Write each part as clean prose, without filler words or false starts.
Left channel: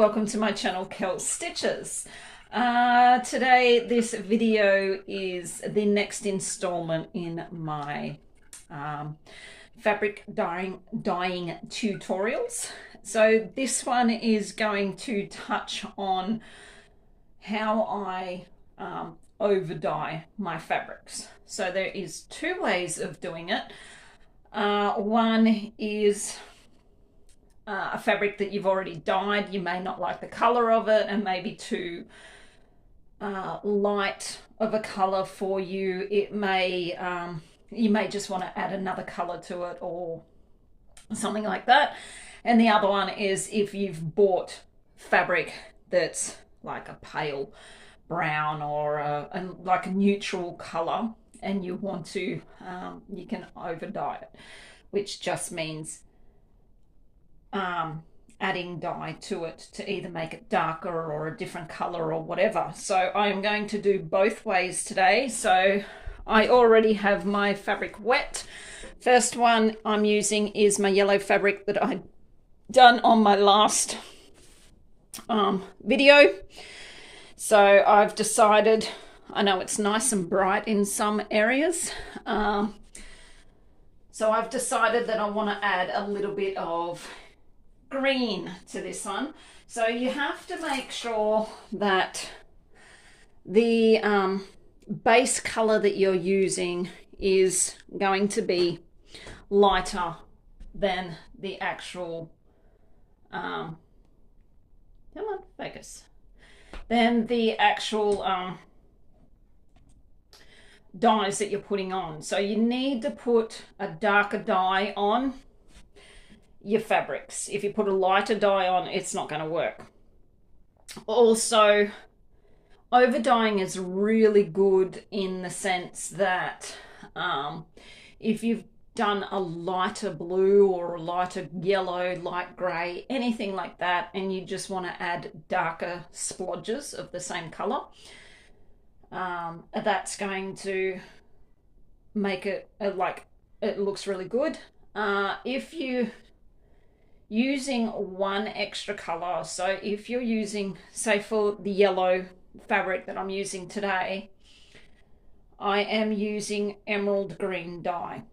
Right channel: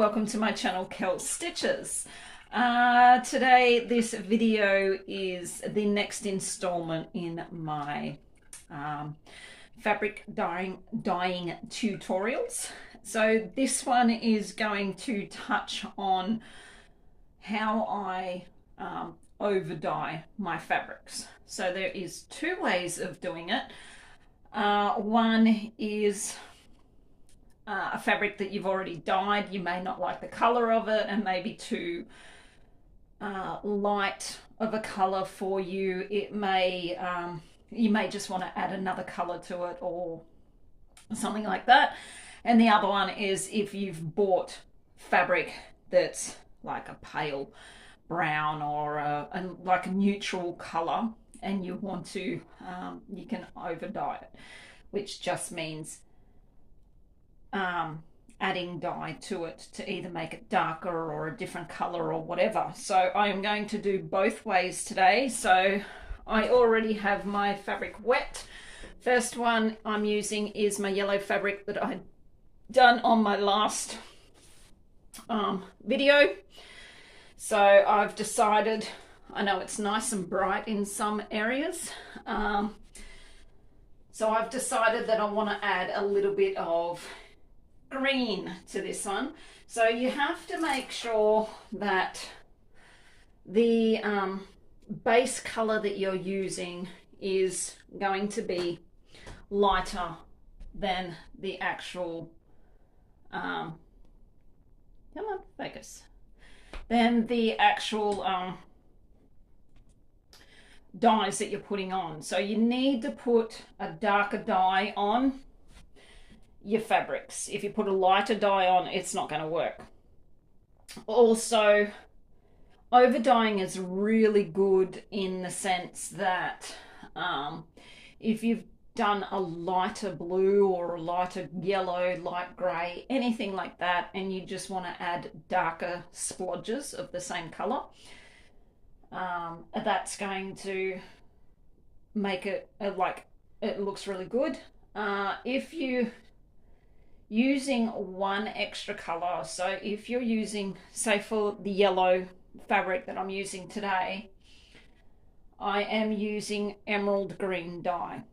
welcome to my channel Kel Stitches. Today this video is the next installment in my fabric dyeing tutorials. So this one is going to touch on how I over dye my fabrics. So there is two ways of doing it. One is a fabric that you've already dyed. You may not like the color of it and maybe too light of a color for you. It may you may just want to add another color to it or something like that. And the other one is if you've bought fabric that's like a pale brown or like a neutral color and you want to you can over dye it, which just means adding dye to it to either make it darker or a different color or whatever. So I am going to do both ways today. So I already have my fabric wet. First one I'm using is my yellow fabric that I'd done on my last video. So I've decided, I know it's nice and bright in some areas, so I've decided that I want to add a little bit of green to this one. So you have to make sure that the base color that you're using is going to be lighter than the actual come on, focus, than the actual dyes that you're putting on. So you need to put a darker dye on your fabrics. If you put a lighter dye on, it's not going to work. Also, over dyeing is really good in the sense that if you've done a lighter blue or a lighter yellow, light grey, anything like that, and you just want to add darker splodges of the same colour, that's going to make it like it looks really good. If you using one extra color, so if you're using, say for the yellow fabric that I'm using today, I am using emerald green dye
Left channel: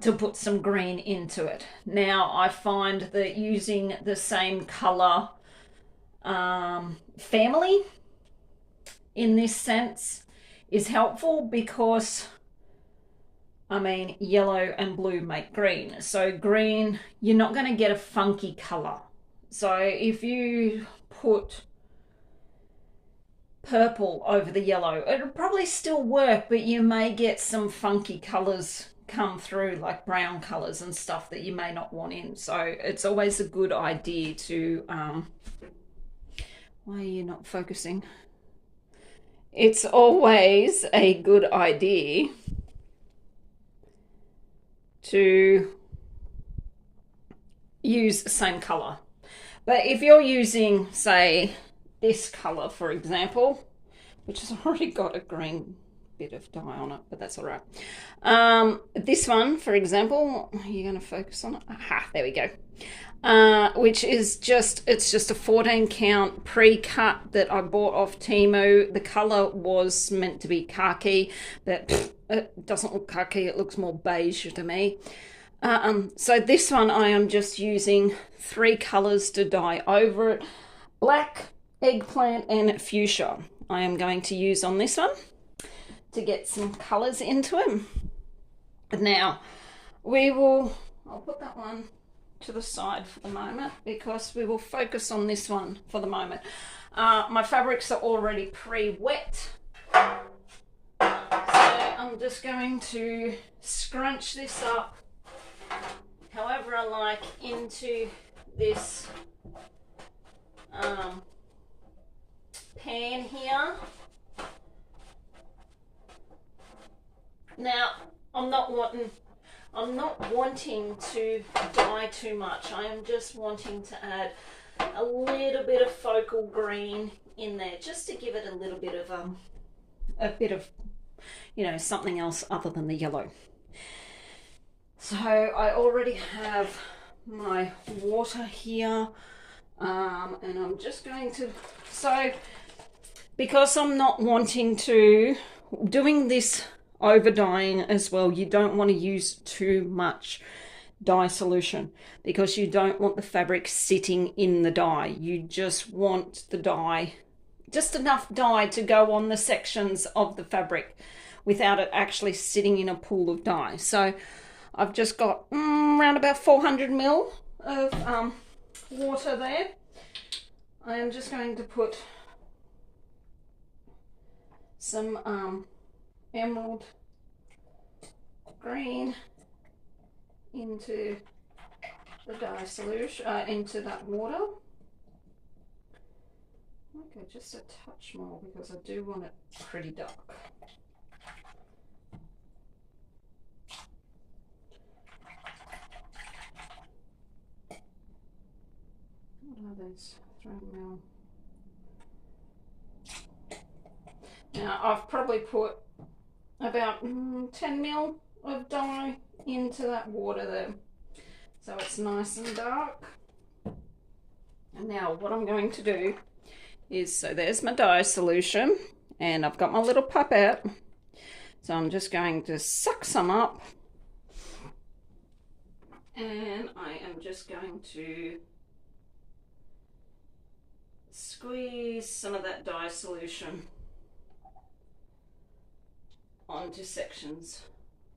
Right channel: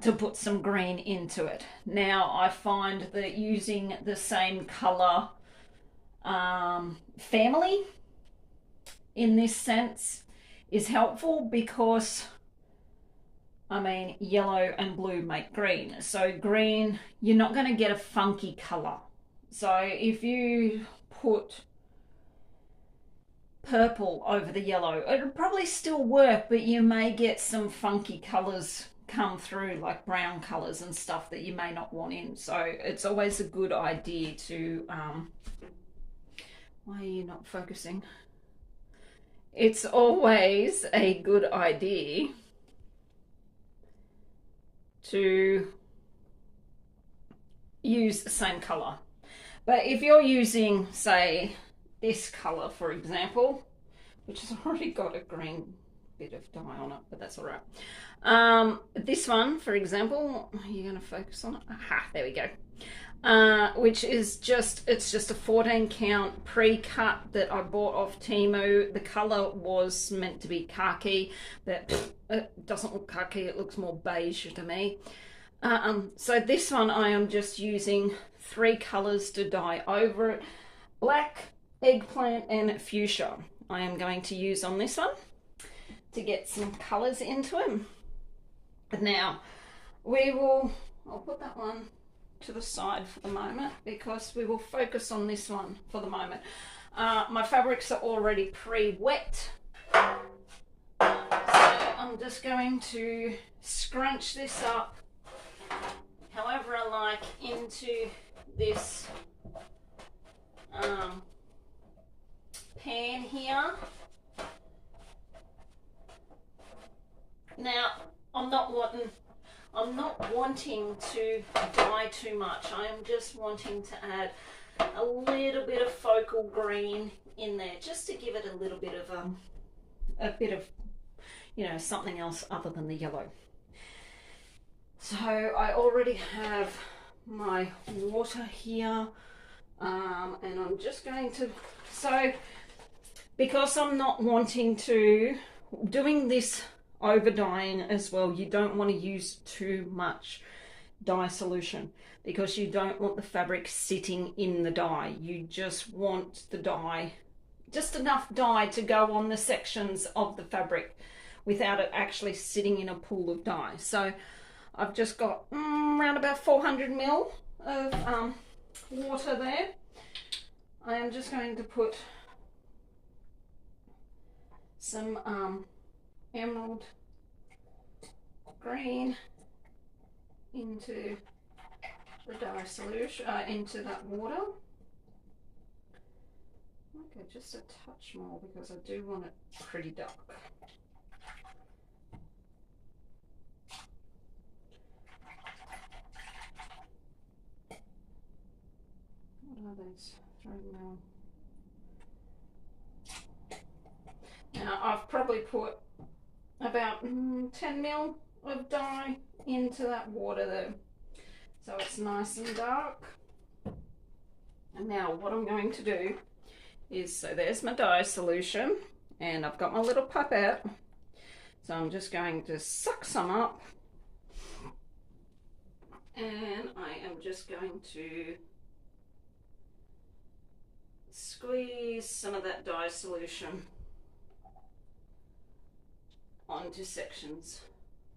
to put some green into it. Now I find that using the same color family in this sense is helpful because I mean, yellow and blue make green. So green, you're not going to get a funky color. So if you put purple over the yellow, it'll probably still work, but you may get some funky colors come through, like brown colors and stuff that you may not want in. So it's always a good idea to why are you not focusing? It's always a good idea to use the same color. But if you're using, say, this color, for example, which has already got a green bit of dye on it, but that's all right. This one, for example, you're going to focus on it. Aha, there we go. Which is it's just a 14 count pre-cut that I bought off Temu. The color was meant to be khaki, but it doesn't look khaki, it looks more beige to me. So this one I am just using 3 colors to dye over it. Black, eggplant and fuchsia I am going to use on this one to get some colors into it. Now I'll put that one to the side for the moment because we will focus on this one for the moment. My fabrics are already pre-wet, so I'm just going to scrunch this up however I like into this pan here. Now I'm not wanting to dye too much. I am just wanting to add a little bit of focal green in there just to give it a little bit of you know, something else other than the yellow. So I already have my water here. And I'm just going to, so because I'm not wanting to, doing this over dyeing as well, you don't want to use too much dye solution because you don't want the fabric sitting in the dye. You just want the dye, just enough dye to go on the sections of the fabric without it actually sitting in a pool of dye. So I've just got around about 400 ml of water there. I am just going to put some emerald green into the dye solution, into that water. Okay, just a touch more because I do want it pretty dark. What are those? Throw them out. Now I've probably put about 10 ml of dye into that water there, so it's nice and dark. And now what I'm going to do is, so there's my dye solution and I've got my little pipette, so I'm just going to suck some up and I am just going to squeeze some of that dye solution onto sections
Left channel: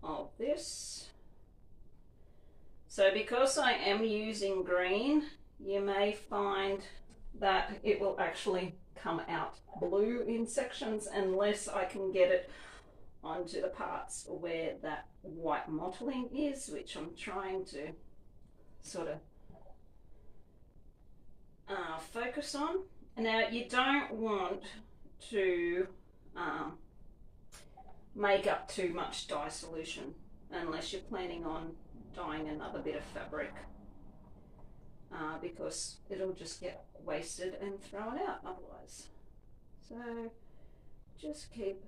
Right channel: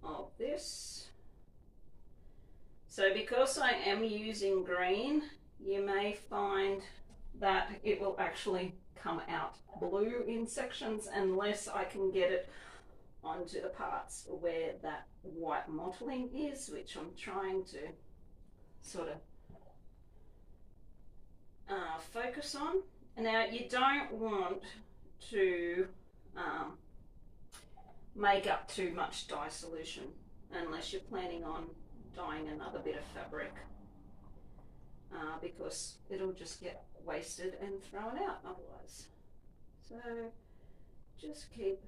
of this. So because I am using green, you may find that it will actually come out blue in sections unless I can get it onto the parts where that white mottling is, which I'm trying to sort of focus on. Now you don't want to make up too much dye solution unless you're planning on dyeing another bit of fabric, because it'll just get wasted and thrown out otherwise. So just keep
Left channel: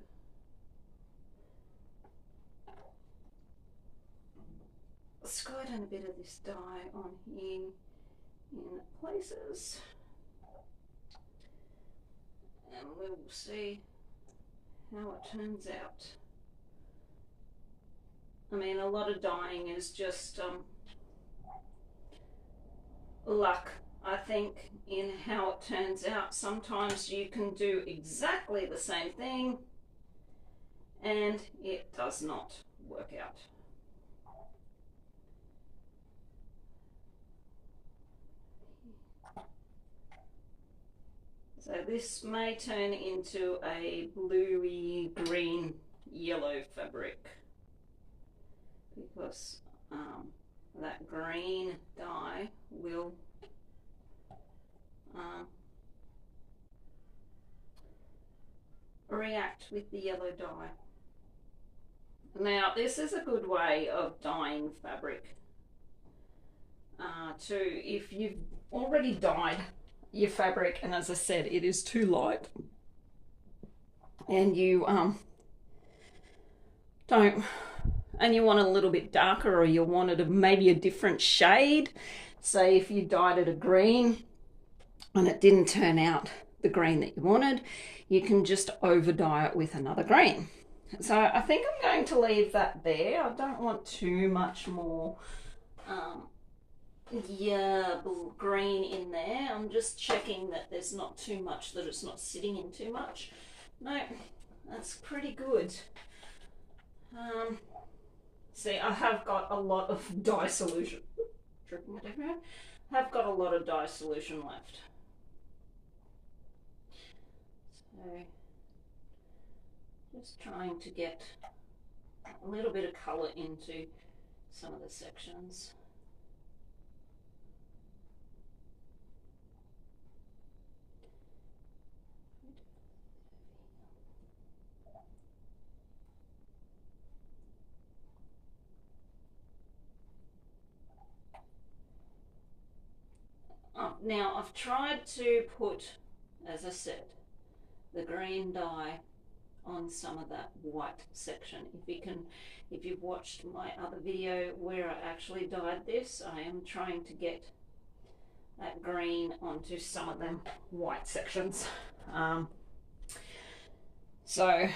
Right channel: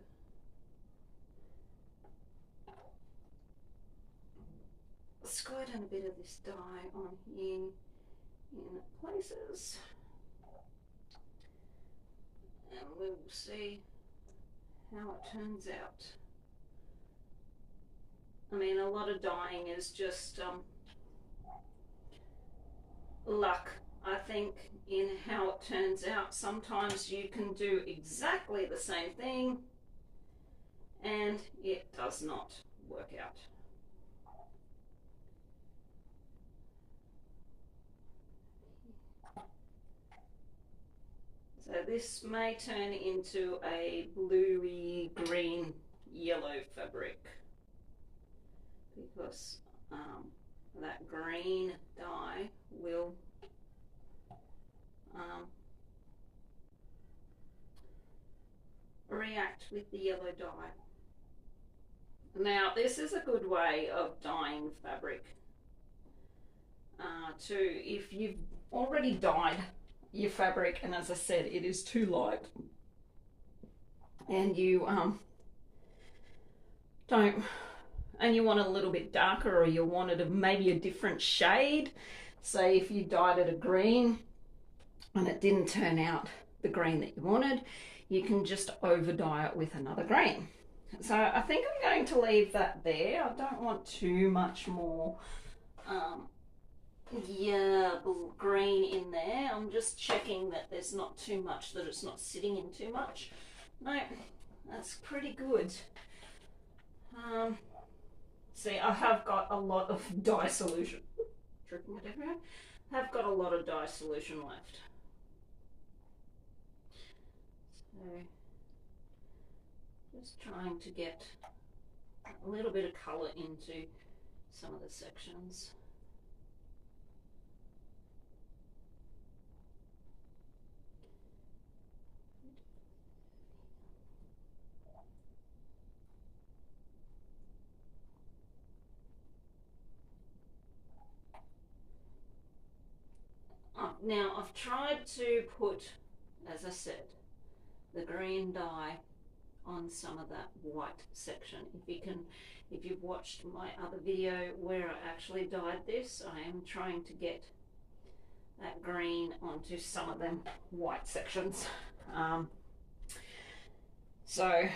squirting a bit of this dye on here in places, and we'll see how it turns out. I mean, a lot of dyeing is just luck, I think, in how it turns out. Sometimes you can do exactly the same thing and it does not work out. So this may turn into a bluey green yellow fabric because that green dye will react with the yellow dye. Now this is a good way of dyeing fabric too. If you've already dyed your fabric and, as I said, it is too light and you don't, and you want it a little bit darker, or you want it maybe a different shade, say if you dyed it a green and it didn't turn out the green that you wanted, you can just over dye it with another green. So I think I'm going to leave that there. I don't want too much more green in there. I'm just checking that there's not too much, that it's not sitting in too much. No, that's pretty good. See, I have got a lot of dye solution. Dripping it everywhere. I've got a lot of dye solution left. So, just trying to get a little bit of colour into some of the sections. Now I've tried to put, as I said, the green dye on some of that white section. If you've watched my other video where I actually dyed this, I am trying to get that green onto some of them white sections. So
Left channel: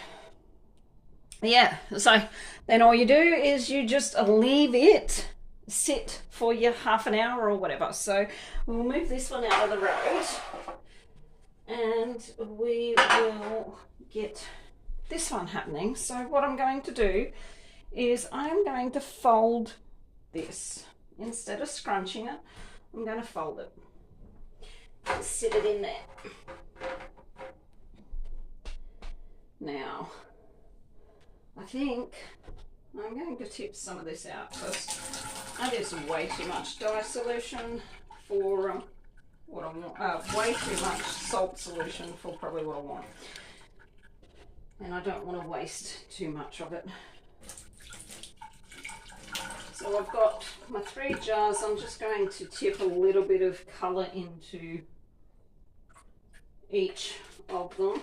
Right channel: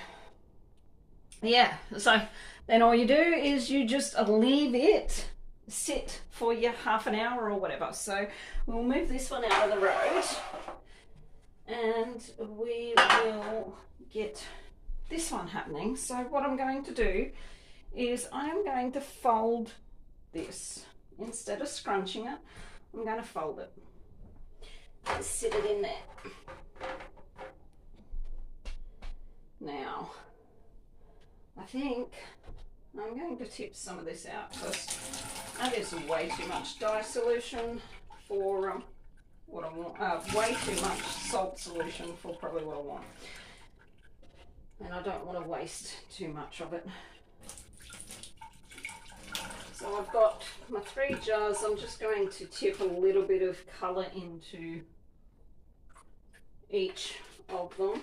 yeah, so then all you do is you just leave it sit for your half an hour or whatever. So we'll move this one out of the road and we will get this one happening. So what I'm going to do is I'm going to fold this. Instead of scrunching it, I'm going to fold it. Just sit it in there. Now, I think I'm going to tip some of this out because that is way too much dye solution for what I want. Way too much salt solution for probably what I want. And I don't want to waste too much of it. So I've got my 3 jars. I'm just going to tip a little bit of colour into each of them.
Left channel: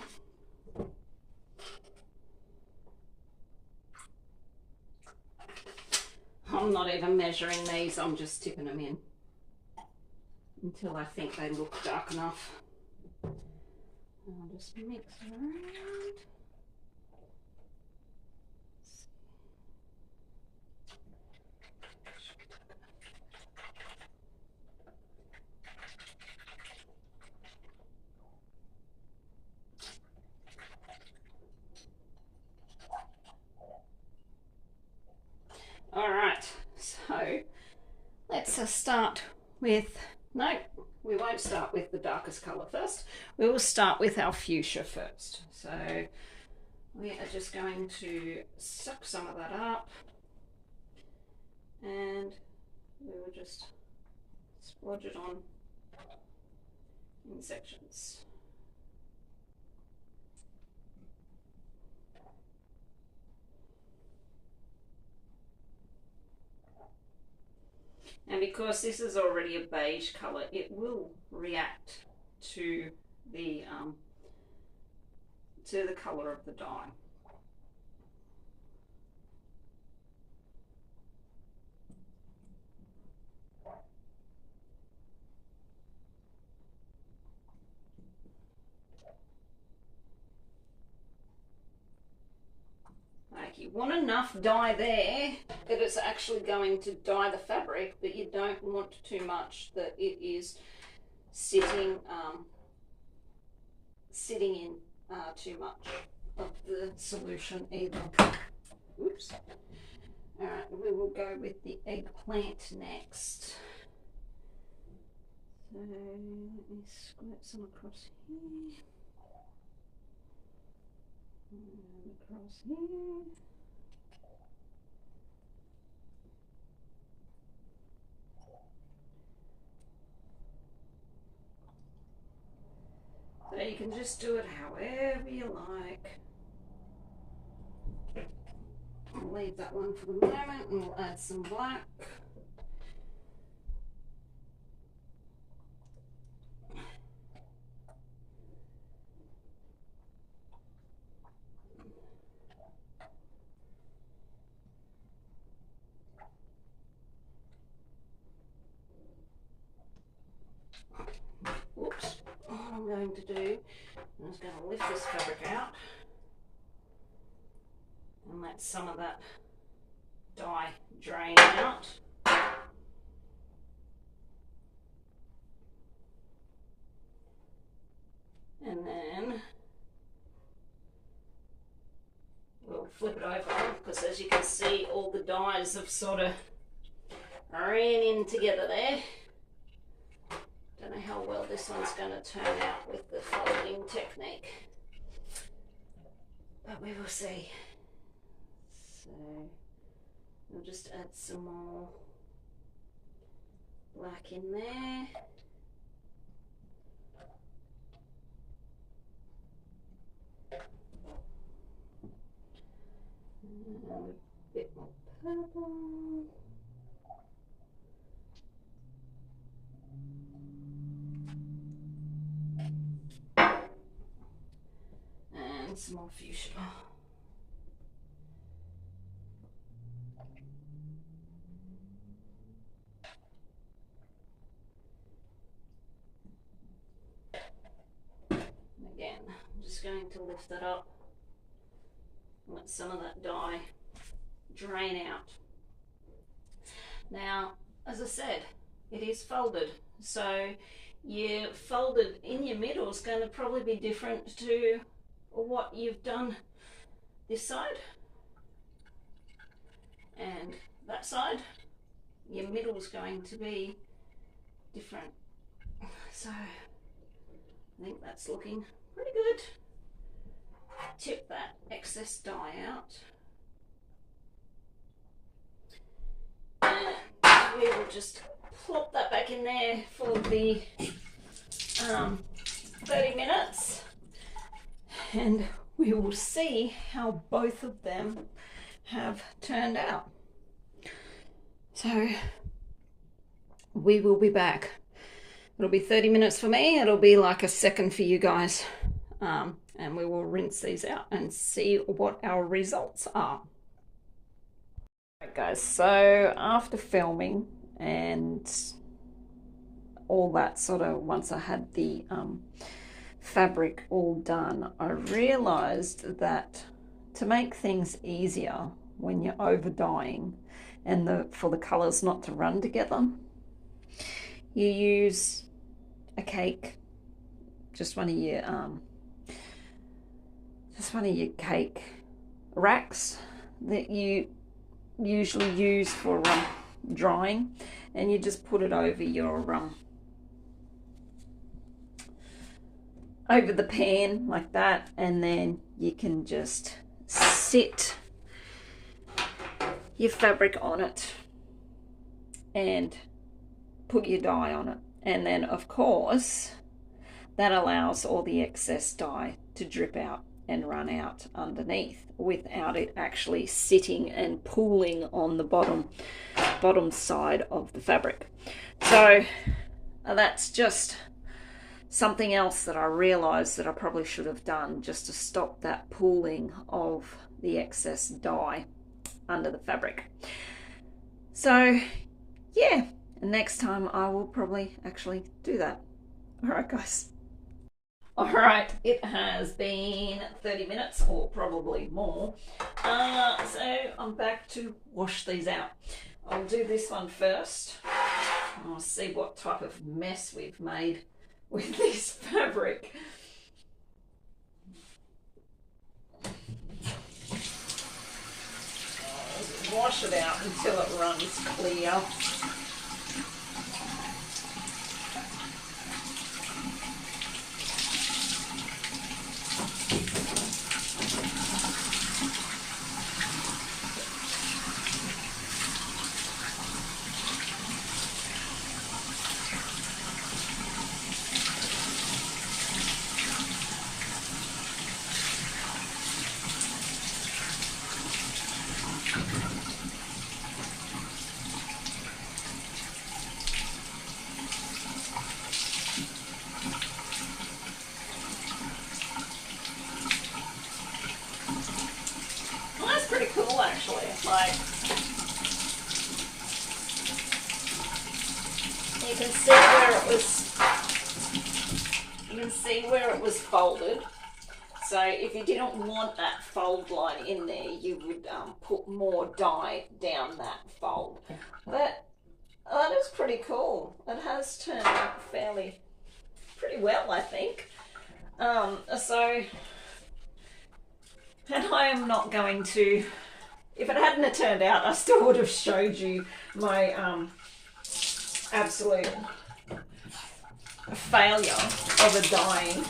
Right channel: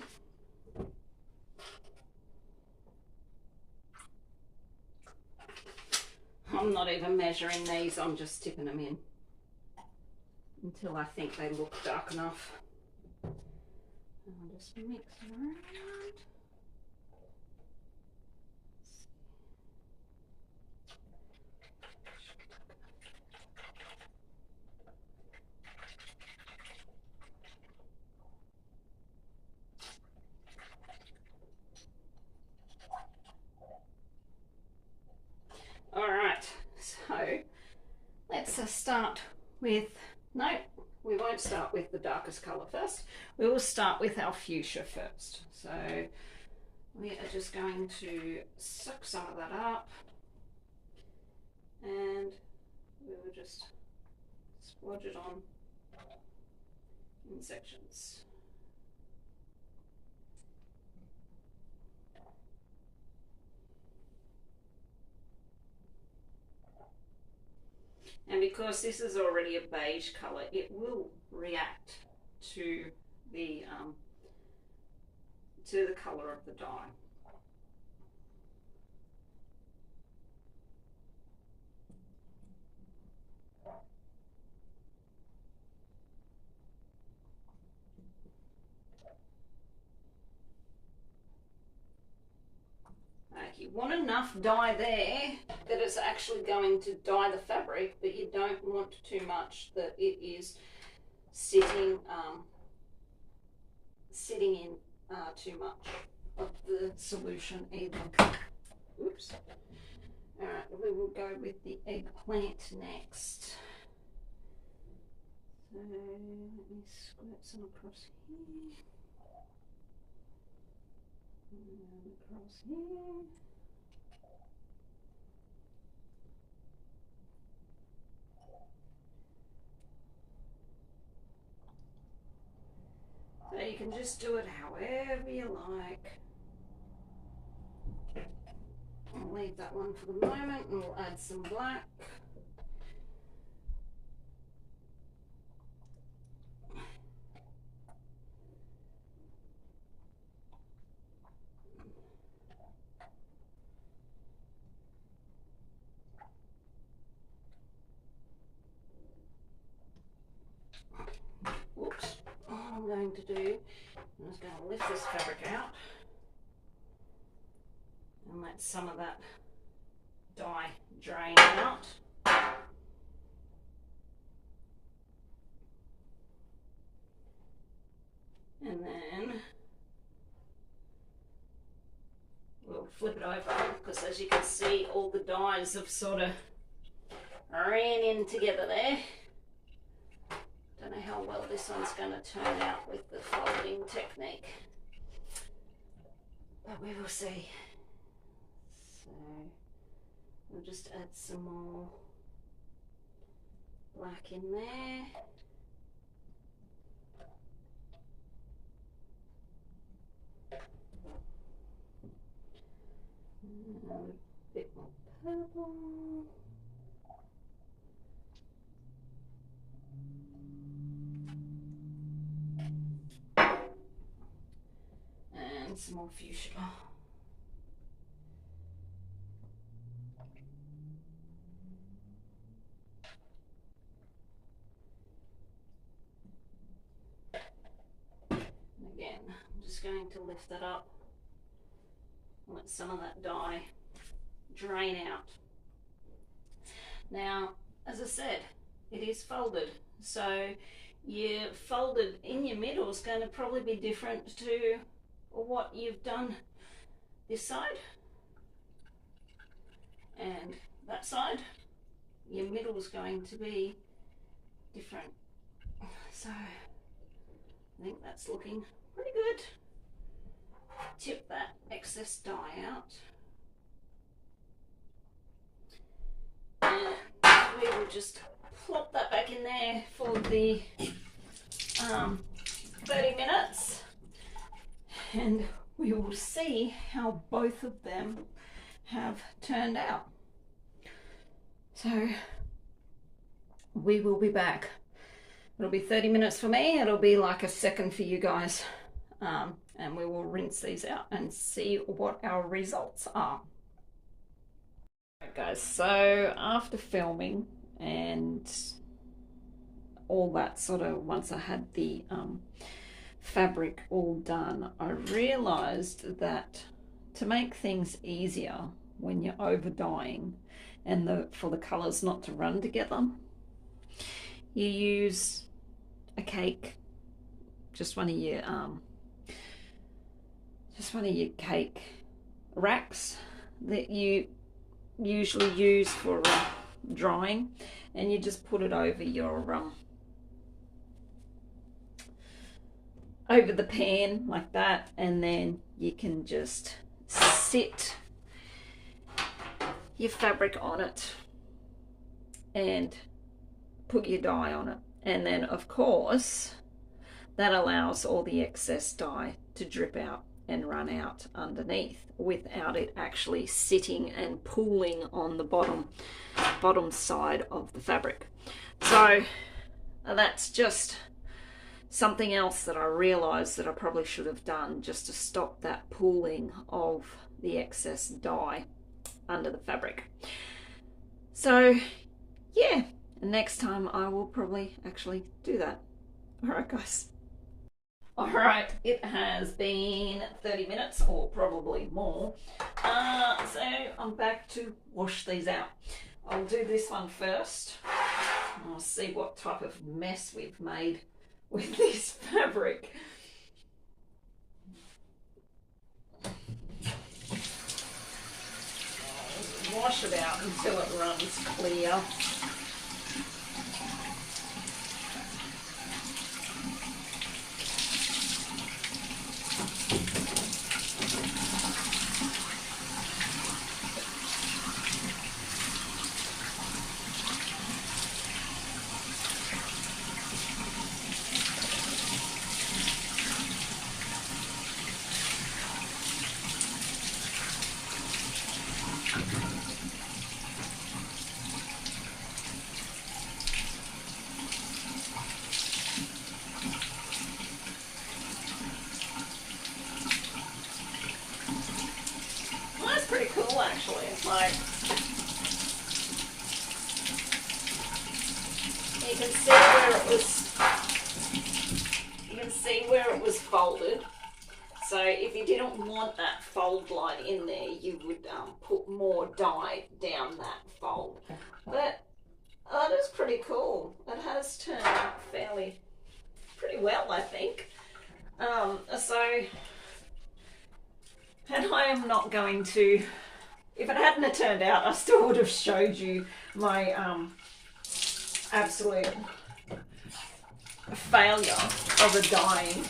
I'm not even measuring these, I'm just tipping them in until I think they look dark enough. I'll just mix around. All right, so let's start with, no, we won't start with the darkest colour first. We will start with our fuchsia first. So we are just going to suck some of that up and we will just splodge it on in sections. And because this is already a beige colour, it will react to the colour of the dye. Like you want enough dye there that it's actually going to dye the fabric, but you don't want too much that it is sitting in too much of the solution either. Oops. All right, we will go with the eggplant next. So let me squirt some across here. And across here. So you can just do it however you like. I'll leave that one for the moment and we'll add some black. Whoops. All I'm going to do, I'm just going to lift this fabric out and let some of that dye drain out. And then we'll flip it over because as you can see all the dyes have sort of ran in together there. Don't know how well this one's going to turn out with the folding technique, but we will see. So we'll just add some more black in there. And a bit more purple. And some more fuchsia. lift it up, let some of that dye drain out. Now, as I said, it is folded, so your folded in your middle is going to probably be different to what you've done this side and that side. Your middle is going to be different. So I think that's looking pretty good. Tip that excess dye out. And we will just plop that back in there for the 30 minutes. And we will see how both of them have turned out. So we will be back. It'll be 30 minutes for me. It'll be like a second for you guys. And we will rinse these out and see what our results are. Right, guys, so after filming and all that sort of, once I had the fabric all done, I realized that to make things easier when you're over dyeing and for the colors not to run together, you use a cake, just one of your cake racks that you usually use for drying, and you just put it over your over the pan like that, and then you can just sit your fabric on it and put your dye on it. And then of course that allows all the excess dye to drip out and run out underneath without it actually sitting and pooling on the bottom side of the fabric. So that's just something else that I realized that I probably should have done, just to stop that pooling of the excess dye under the fabric. So yeah, next time I will probably actually do that. All right, guys. All right, it has been 30 minutes or probably more. So I'm back to wash these out. I'll do this one first. I'll see what type of mess we've made with this fabric. Wash it out until it runs clear. Actually, like, you can see where it was folded. So if you didn't want that fold line in there, you would put more dye down that fold. But that is pretty cool. It has turned out pretty well, I think. And I am not going to, if it hadn't have turned out, I still would have showed you my absolute failure of a dyeing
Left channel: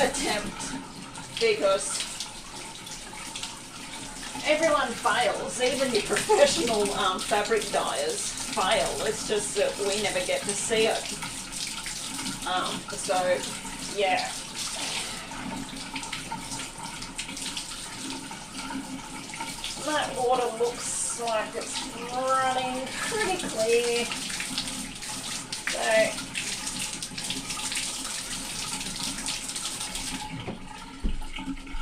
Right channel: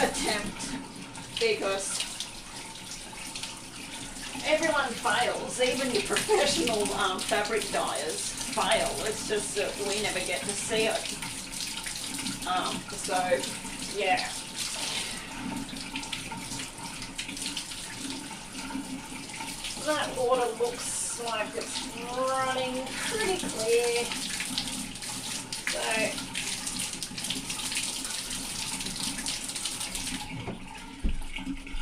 attempt, because everyone fails. Even the professional fabric dyers fail. It's just that we never get to see it. So yeah. That water looks like it's running pretty clear. So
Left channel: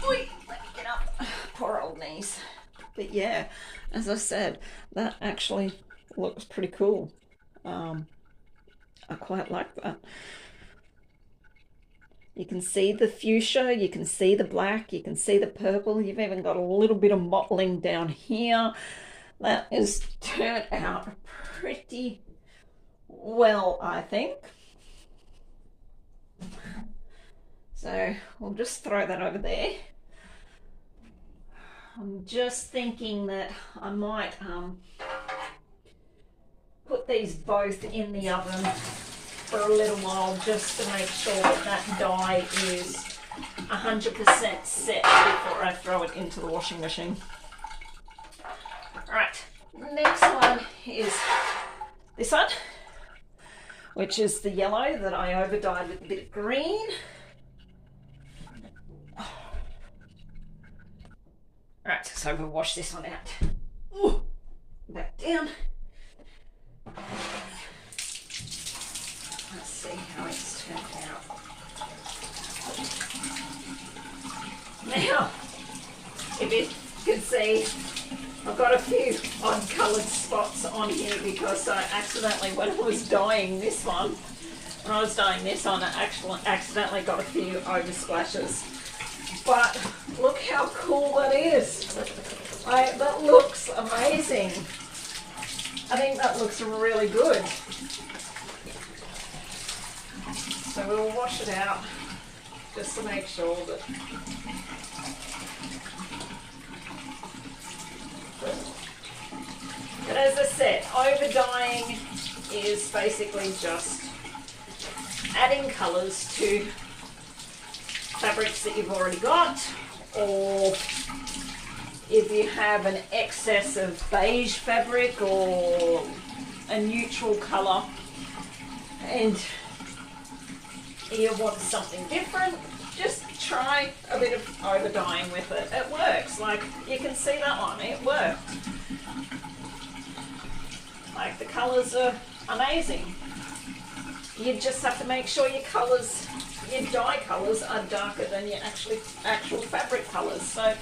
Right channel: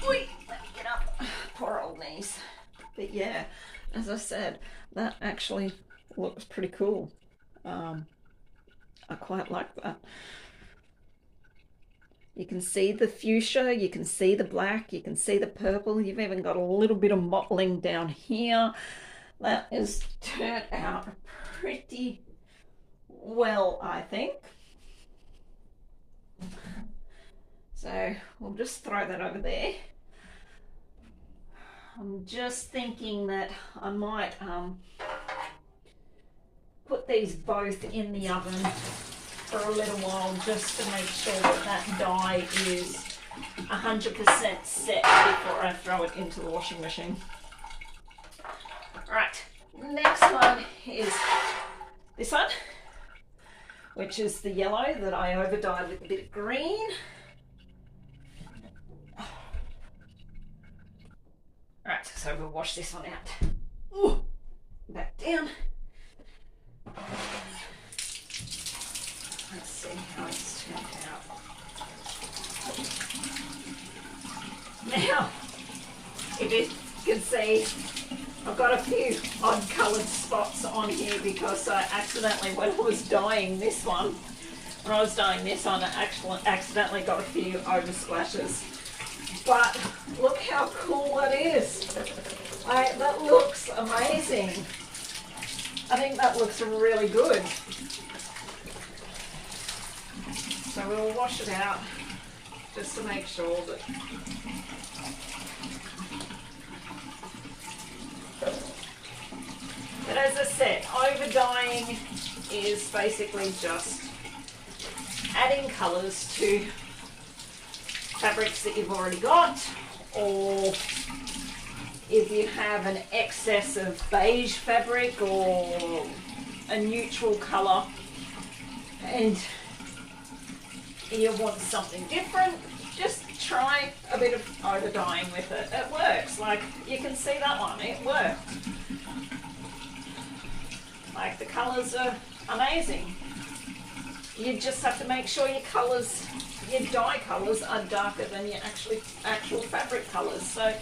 oi, let me get up. Poor old knees. But yeah, as I said, that actually looks pretty cool. I quite like that. You can see the fuchsia, you can see the black, you can see the purple. You've even got a little bit of mottling down here. That has turned out pretty well, I think. So we'll just throw that over there. I'm just thinking that I might put these both in the oven for a little while just to make sure that that dye is 100% set before I throw it into the washing machine. Alright, next one is this one, which is the yellow that I overdyed with a bit of green. Alright, so we'll wash this one out. Ooh, back down. Let's see how it's turned out. Now, if you can see, I've got a few odd coloured spots on here because I accidentally, when I was dyeing this one, I accidentally got a few oversplashes. But look how cool that is. That looks amazing. I think that looks really good. So we'll wash it out just to make sure that but as I said, overdying is basically just adding colours to fabrics that you've already got, or if you have an excess of beige fabric or a neutral colour and you want something different, just try a bit of overdying with it. It works. Like, you can see that one, it worked. Like, the colours are amazing. You just have to make sure your colours, your dye colours are darker than your actual fabric colours. So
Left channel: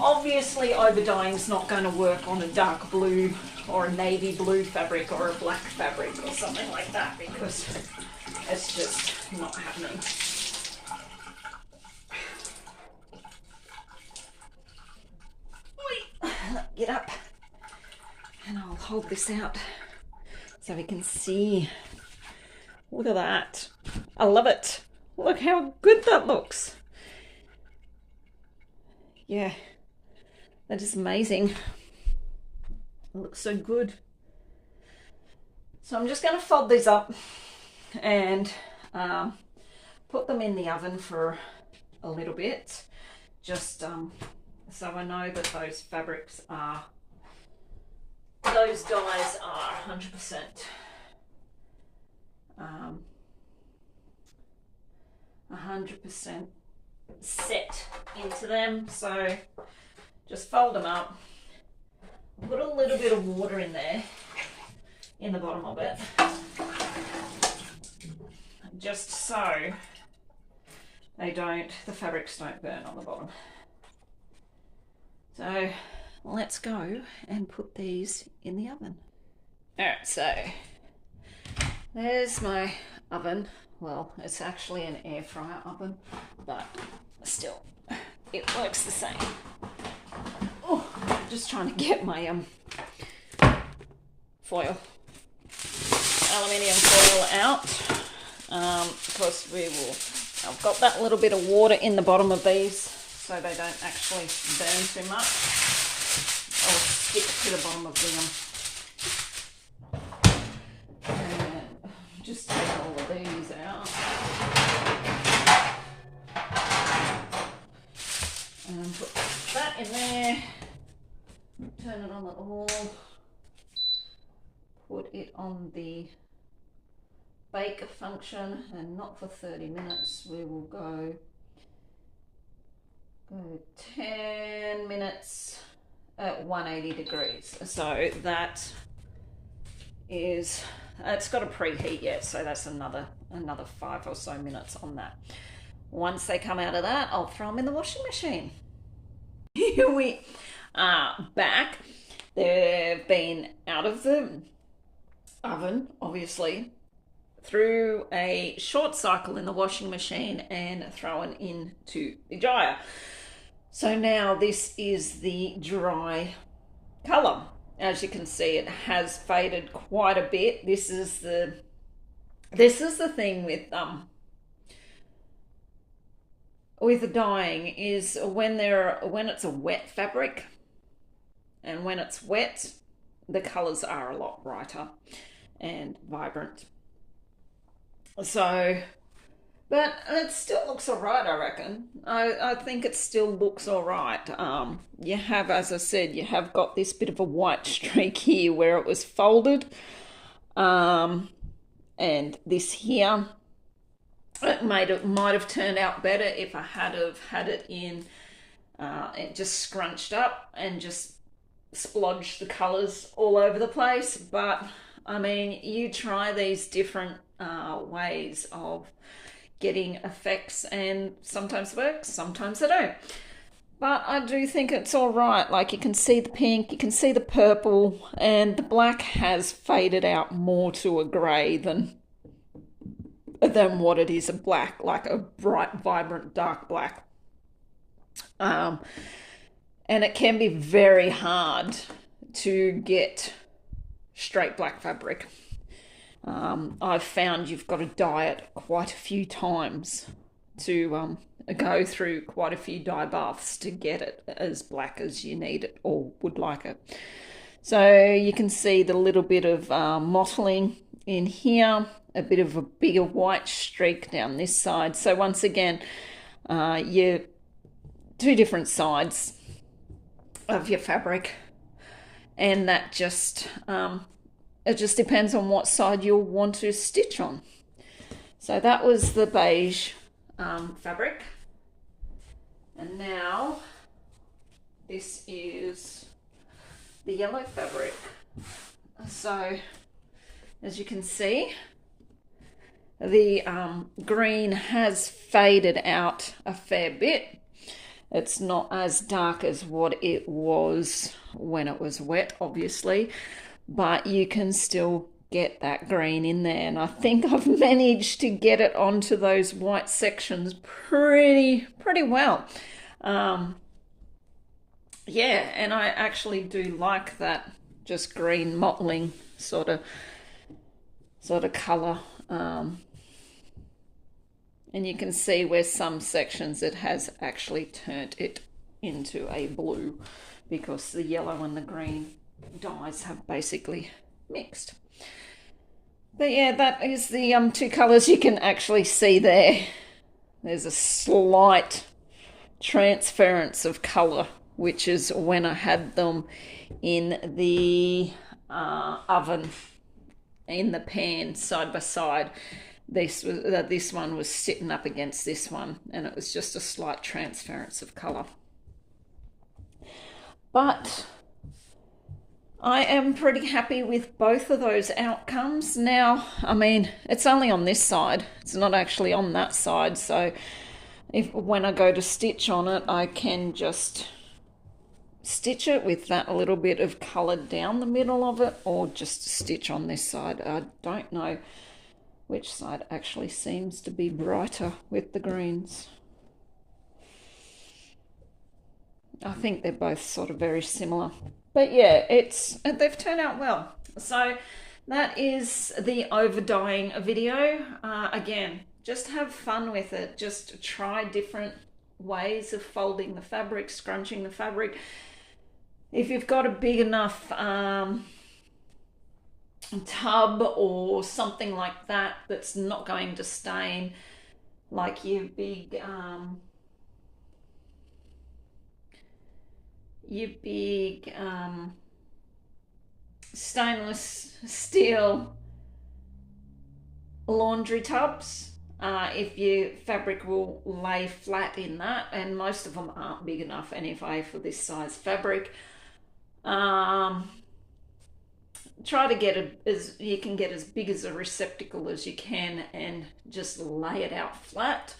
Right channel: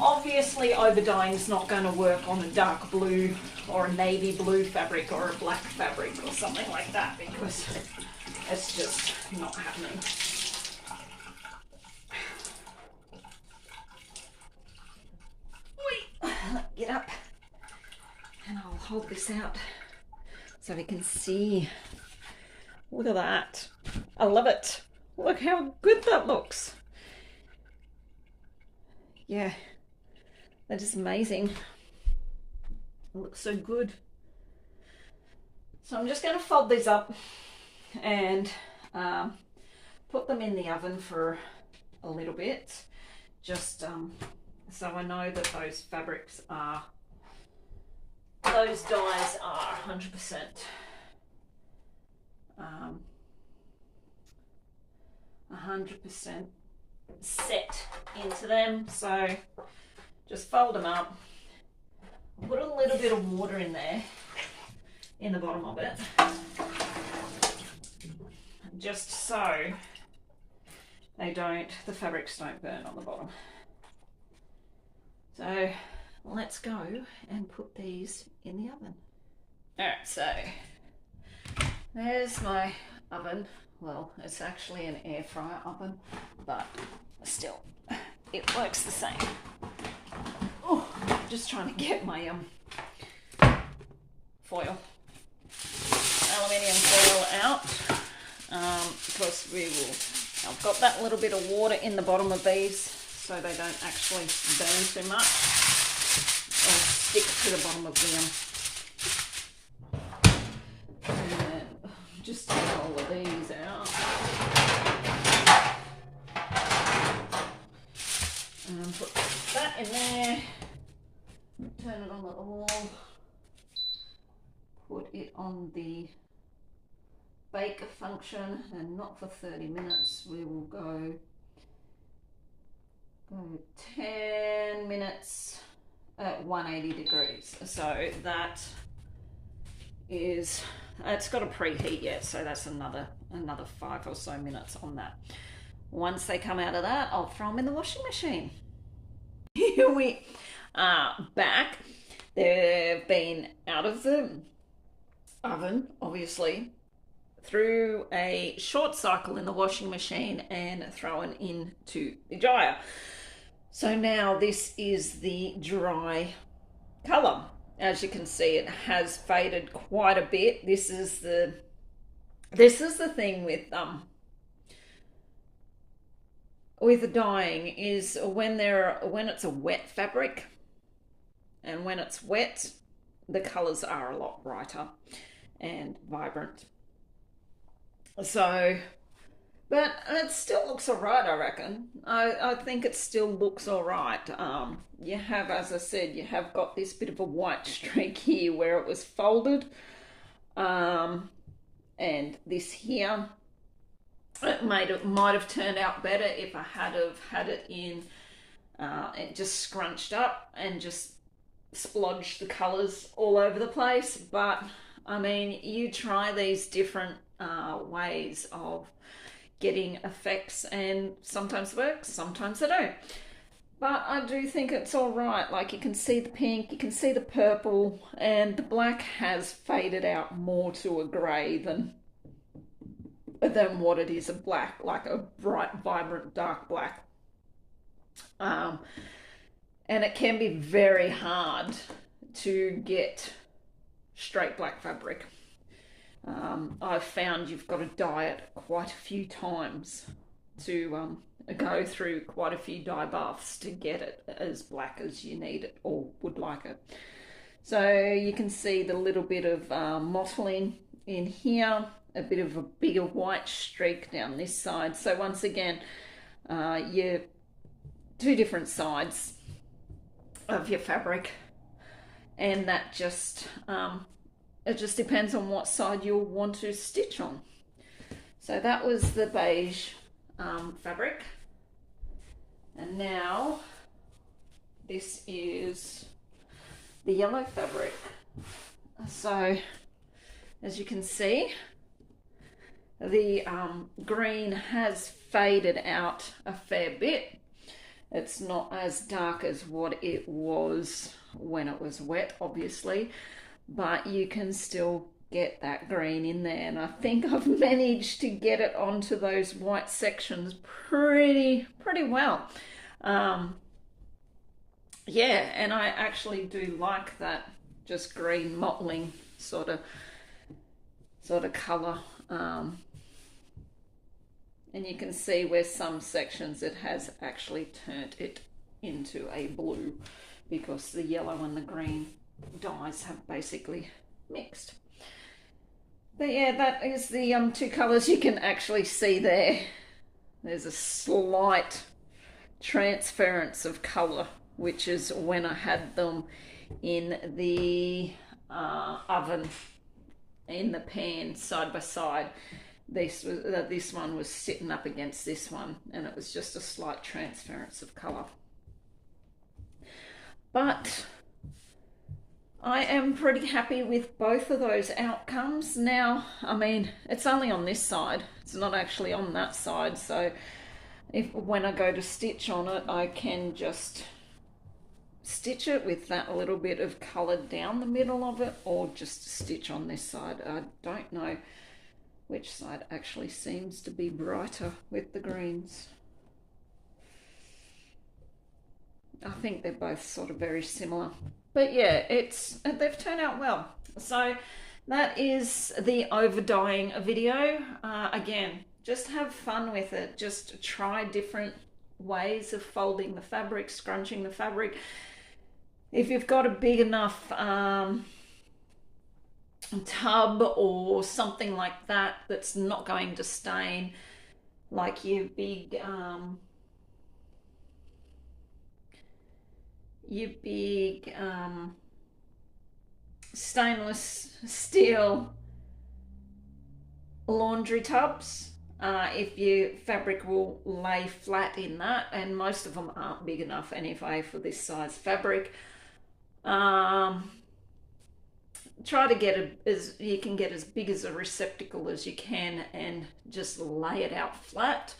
obviously overdying is not going to work on a dark blue or a navy blue fabric or a black fabric or something like that, because it's just not happening. Get up and I'll hold this out so we can see. Look at that. I love it. Look how good that looks. Yeah, that is amazing. It looks so good. So I'm just going to fold these up and put them in the oven for a little bit, just so I know that those fabrics are, those dyes are 100% 100% set into them. So just fold them up, put a little bit of water in there, in the bottom of it, just so the fabrics don't burn on the bottom. So let's go and put these in the oven. Alright, so there's my oven. Well, it's actually an air fryer oven, but still, it works the same. Oh, just trying to get my foil, aluminium foil out, because I've got that little bit of water in the bottom of these so they don't actually burn too much or stick to the bottom of the and just take all of these out. And put that in there, turn it on the oil, put it on the bake function, and not for 30 minutes, we will go 10 minutes at 180 degrees. So that is, it's got a preheat yet, so that's another 5 or so minutes on that. Once they come out of that, I'll throw them in the washing machine. Here we are back. They've been out of the oven, obviously, through a short cycle in the washing machine and thrown into the dryer. So now this is the dry colour. As you can see, it has faded quite a bit. This is the thing with the dyeing, is when it's a wet fabric, and when it's wet, the colours are a lot brighter and vibrant. So, but it still looks all right, I reckon. I think it still looks all right. You have, as I said, you have got this bit of a white streak here where it was folded. And this here, it might have turned out better if I had it in, it just scrunched up and just splodged the colours all over the place. But I mean, you try these different ways of getting effects, and sometimes it works, sometimes they don't. But I do think it's all right. Like, you can see the pink, you can see the purple, and the black has faded out more to a grey than what it is a black, like a bright, vibrant, dark black. And it can be very hard to get straight black fabric. I've found you've got to dye it quite a few times to go through quite a few dye baths to get it as black as you need it or would like it. So you can see the little bit of mottling in here, a bit of a bigger white streak down this side. So once again, you two different sides of your fabric, and that just it just depends on what side you'll want to stitch on. So that was the beige fabric, and now this is the yellow fabric. So as you can see, the green has faded out a fair bit. It's not as dark as what it was when it was wet, obviously, but you can still get that green in there. And I think I've managed to get it onto those white sections pretty well. Yeah, and I actually do like that just green mottling sort of colour. And you can see where some sections it has actually turned it into a blue because the yellow and the green dyes have basically mixed. But yeah, that is the two colours you can actually see there. There's a slight transference of colour, which is when I had them in the oven, in the pan, side by side. This one was sitting up against this one, and it was just a slight transference of colour. But I am pretty happy with both of those outcomes. Now, I mean, it's only on this side. It's not actually on that side. So when I go to stitch on it, I can just stitch it with that little bit of colour down the middle of it, or just stitch on this side. I don't know which side actually seems to be brighter with the greens. I think they're both sort of very similar. But yeah, they've turned out well. So that is the over-dyeing video. Again, just have fun with it. Just try different ways of folding the fabric, scrunching the fabric. If you've got a big enough tub or something like that that's not going to stain, like your big stainless steel laundry tubs, if your fabric will lay flat in that, and most of them aren't big enough anyway for this size fabric. Try to get you can get as big as a receptacle as you can and just lay it out flat,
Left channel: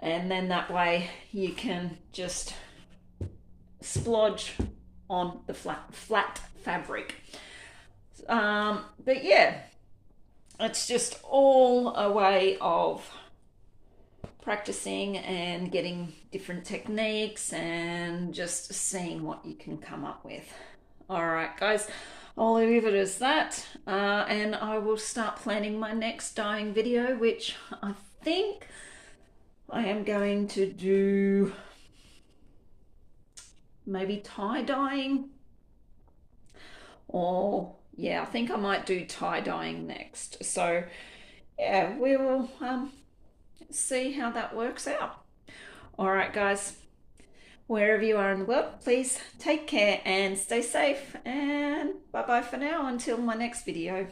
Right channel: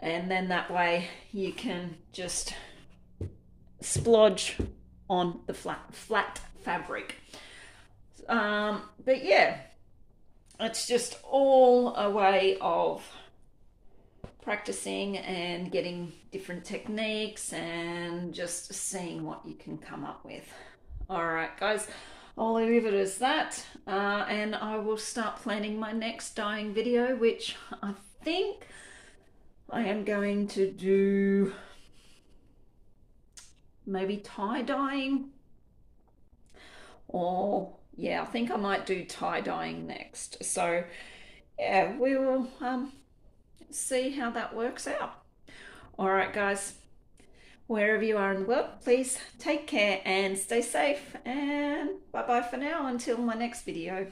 and then that way you can just splodge on the flat fabric. But yeah, it's just all a way of practicing and getting different techniques and just seeing what you can come up with. All right, guys, I'll leave it as that, and I will start planning my next dyeing video, which I think I am going to do maybe tie dyeing, or yeah, I think I might do tie dyeing next. So yeah, we will see how that works out. All right, guys, wherever you are in the world, please take care and stay safe, and bye bye for now until my next video.